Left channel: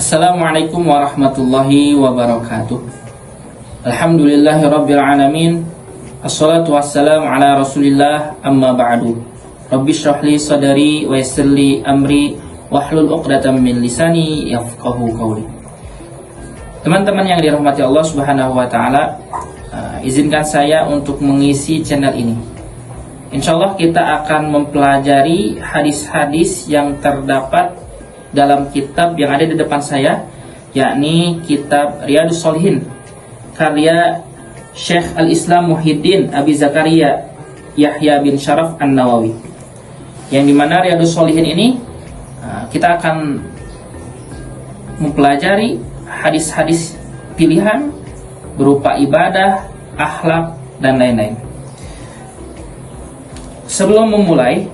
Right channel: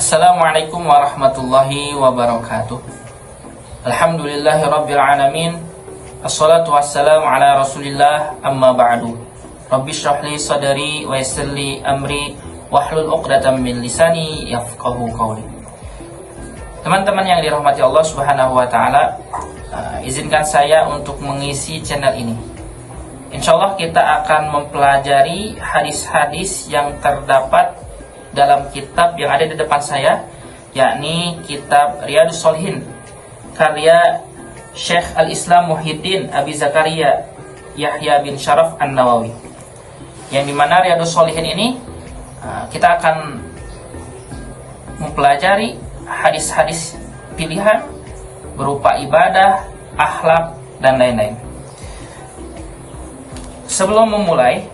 Assalamualaikum warahmatullahi wabarakatuh. Alhamdulillahirabbil alamin. Assalatu wassalamu ala Rasulillah, amma ba'du. Rabbi shrah li sadri wa yassir li amri wahlul 'uqdatam min lisani yafqahu qawli. Teman-teman yang dirahmati Allah Subhanahu wa taala, izinkan saya untuk mengisi channel ini. Insyaallah kita akan mempelajari hadis-hadis yang terdapat dalam kitab yang ada di depan saya, yakni kitab Riyadhus Shalihin karya Syekh Al-Islam Muhyiddin Abi Zakaria Yahya bin Syaraf An-Nawawi. Yang dimana Riyadhus Shalihin ini kita akan mempelajari hadis-hadis pilihan berupa ibadah, akhlak, dan lain-lain. Sebelum memulai,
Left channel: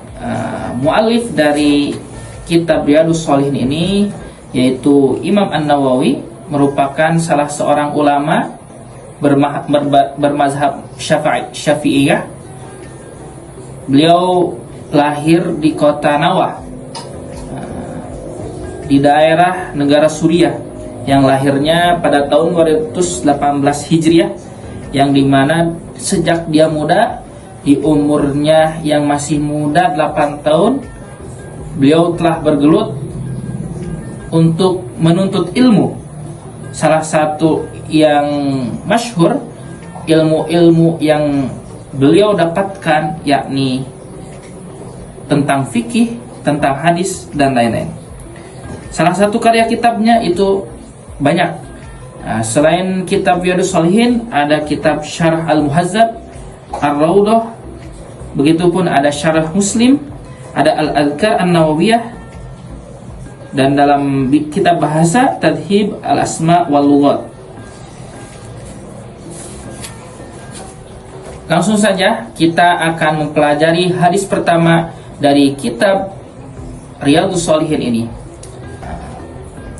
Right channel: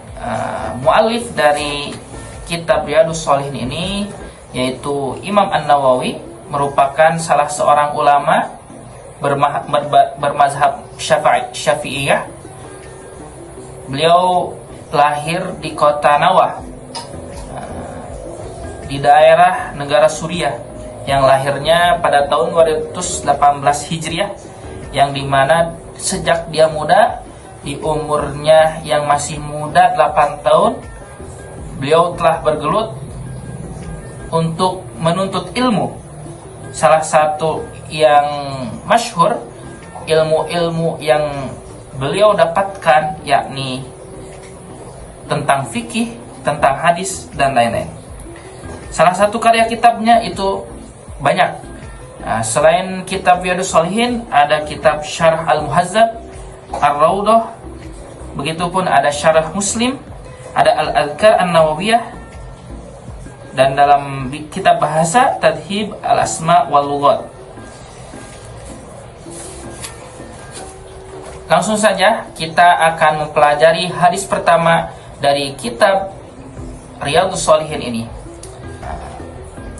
muallif dari kitab Riyadhus Shalihin ini yaitu Imam An-Nawawi merupakan salah seorang ulama bermazhab Syafi'iyah. Beliau lahir di kota Nawah di daerah negara Suriah yang lahirnya pada tahun 218 Hijriah, yang dimana sejak dia muda, di umurnya yang masih muda 8 tahun, beliau telah bergelut untuk menuntut ilmu. Salah satu yang masyhur ilmu-ilmu yang beliau dapatkan yakni tentang fikih, tentang hadis, dan lain-lain. Salah satu karya kitabnya itu banyak. Selain kitab Riyadhus Shalihin, ada kitab Syarah Al-Muhazzab, Ar-Raudhah, begitupun ada Syarah Muslim, ada Al-Adhkar An-Nawawiyah, dan dalam kitab bahasa Tadhib Al-Asma wal Lughat. Langsung saja kita akan mempelajari hadis pertama dari kitab Riyadhus Shalihin ini.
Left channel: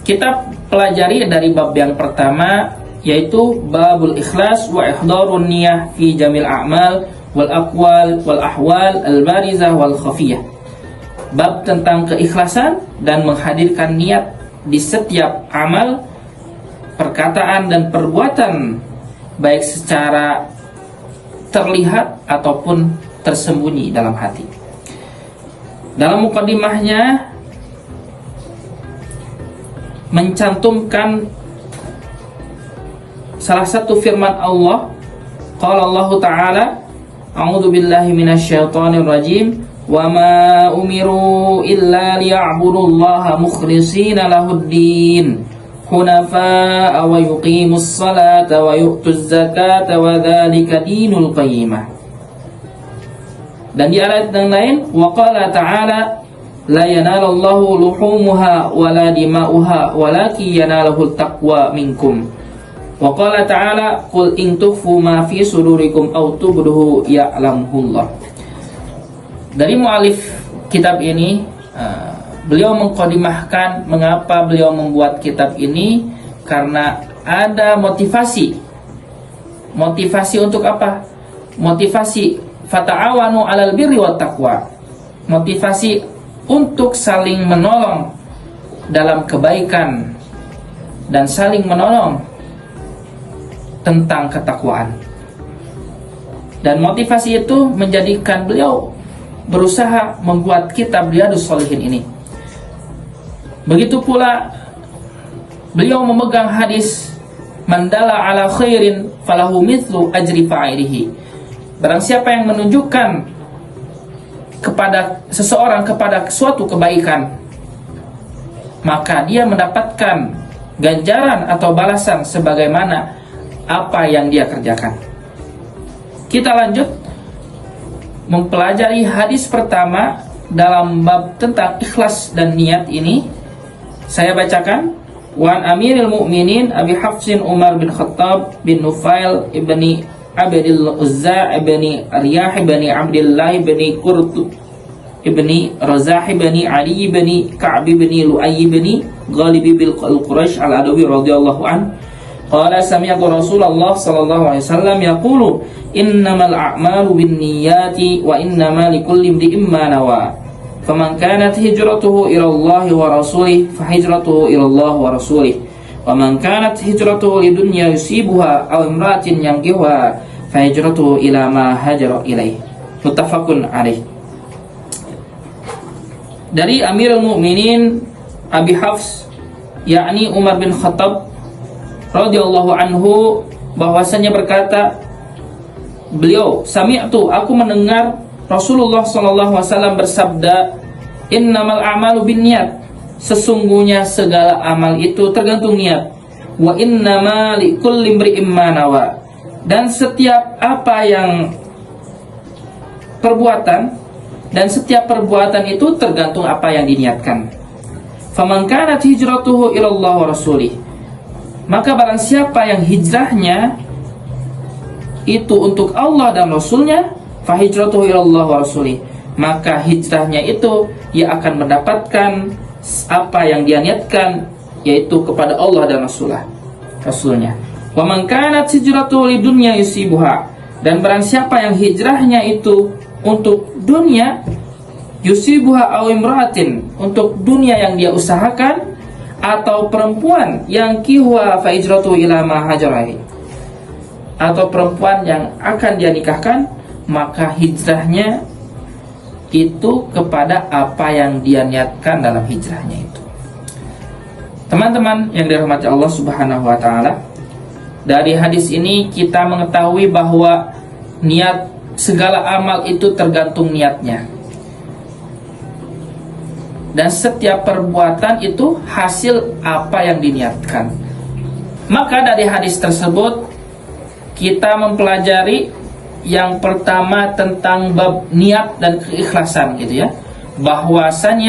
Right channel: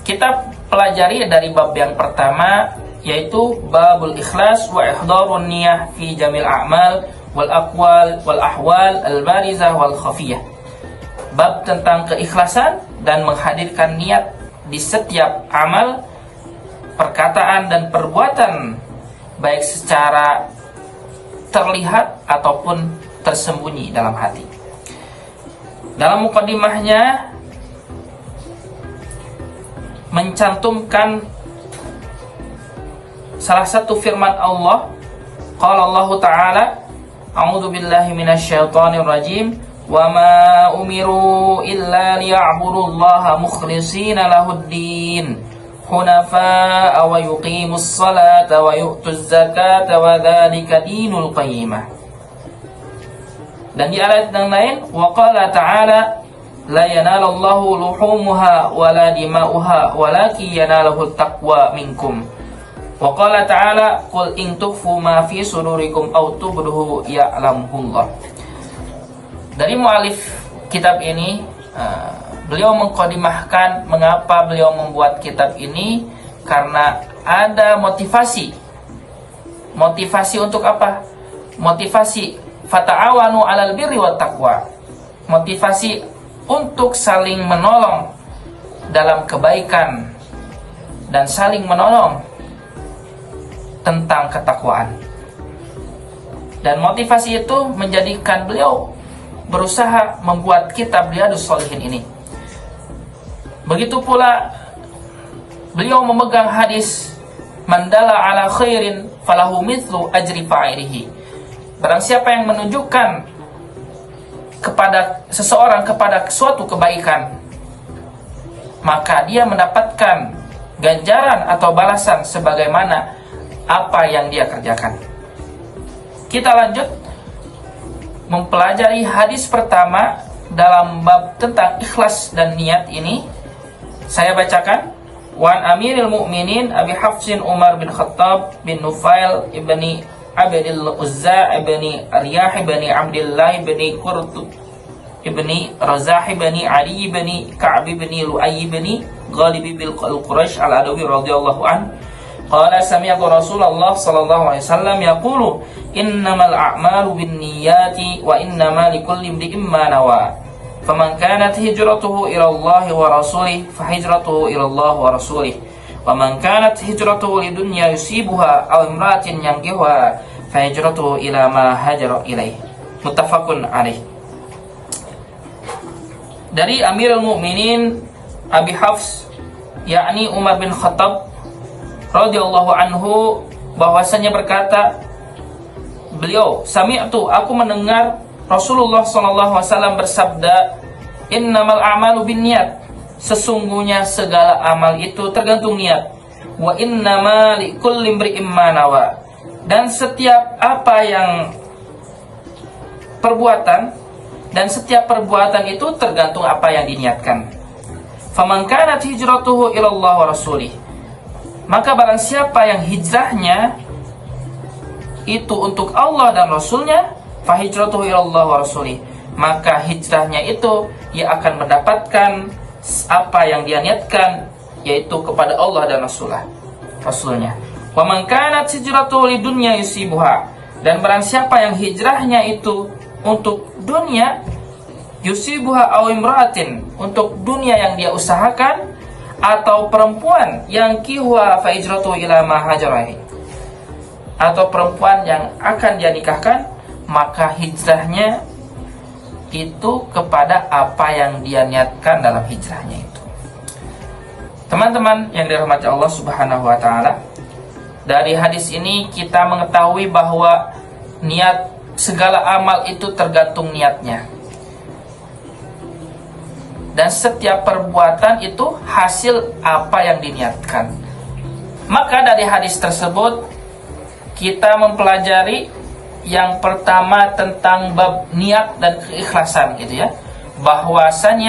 Kita pelajari dari bab yang pertama, yaitu Babul Ikhlas wa Ihdarun Niyah fi Jamil A'mal wal Aqwal wal Ahwal al-Barizah wal Khafiyah. Bab tentang keikhlasan dan menghadirkan niat di setiap amal, perkataan, dan perbuatan, baik secara terlihat ataupun tersembunyi dalam hati. Dalam mukadimahnya mencantumkan salah satu firman Allah. Qala Allah Ta'ala, A'udzu billahi minasyaitonir rajim. Wa ma umiru illa liya'budullaha mukhlishina lahuddin hunafa'a wa yuqimus salata wa yu'tuz zakata wa dzalika dinul qayyimah. Dan di ayat yang lain, wa qala ta'ala la yanalallahu luhumuha wa la dima'uha walakin yanaluhu taqwa minkum. Wa qala ta'ala qul in tukhfu ma fi sudurikum aw tubduhu ya'lamuhullah. Dari mu'alif kitab ini, beliau mengkodimahkan mengapa beliau membuat kitab ini, karena ada motivasi. Motivasi untuk apa? Motivasi fata'awanu 'alal birri wat taqwa. Motivasi untuk saling menolong dalam kebaikan dan saling menolong tentang ketakwaan. Dan motivasi itu menjadikan beliau berusaha membuat kitab Riyadhus Shalihin ini. Begitu pula beliau memegang hadis mandala ala khairin falahu mithlu ajri fa'ilihi. Barang siapa yang menunjukkan kepada seseorang kepada suatu kebaikan, maka dia mendapatkan ganjaran atau balasan sebagaimana apa yang dia kerjakan. Kita lanjut mempelajari hadis pertama dalam bab tentang ikhlas dan niat ini. Saya bacakan. Wan Amiril Mu'minin Abi Hafsin Umar bin Khattab bin Nufail ibni Abdil Uzza ibni Riyah ibni Abdillah ibni Qurtub ibni Razah ibni Ali ibni Ka'b ibni Lu'ay ibni Ghalib bil Quraish al-Adawi radhiyallahu anhu qala sami'tu Rasulullah sallallahu alaihi wasallam yaqulu innamal a'malu binniyati wa innamal likulli imri'in ma nawa faman kanat hijratuhu ila Allah wa rasulih fahijratuhu ila Allah wa rasulih wa man kanat hijratuhu lidunya yusibuha aw imratin yankihuha fahijratuhu ila ma hajara ilaih. Muttafaqun alaih. Dari Amirul Mukminin Abi Hafs, yakni Umar bin Khattab radhiyallahu anhu, bahwasanya berkata beliau, sami'tu, aku mendengar Rasulullah SAW bersabda, innamal a'malu binniyat, sesungguhnya segala amal itu tergantung niat, wa innama likulli imri'in ma nawa, dan setiap perbuatan itu tergantung apa yang diniatkan. Faman kanat hijratuhu ila Allah wa rasulih, maka barang siapa yang hijrahnya itu untuk Allah dan Rasulnya, fahijratuhu ila Allah wa rasulih, maka hijrahnya itu ia akan mendapatkan apa yang dia niatkan, yaitu kepada Allah dan Rasulnya. Wa man kanat hijratuhu lidunya yusibuha, dan barang siapa yang hijrahnya itu untuk dunia, yusibuha aw imra'atin, untuk dunia yang dia usahakan, atau perempuan yang kihuha fa hijratu ila ma hajarahi, atau perempuan yang akan dia nikahkan, maka hijrahnya itu kepada apa yang dia niatkan dalam hijrahnya itu. Teman-teman yang dirahmati Allah Subhanahu wa taala, dari hadis ini kita mengetahui bahwa niat segala amal itu tergantung niatnya. Dan setiap perbuatan itu hasil apa yang diniatkan. Maka dari hadis tersebut kita mempelajari yang pertama tentang bab niat dan keikhlasan gitu ya. Bahwasanya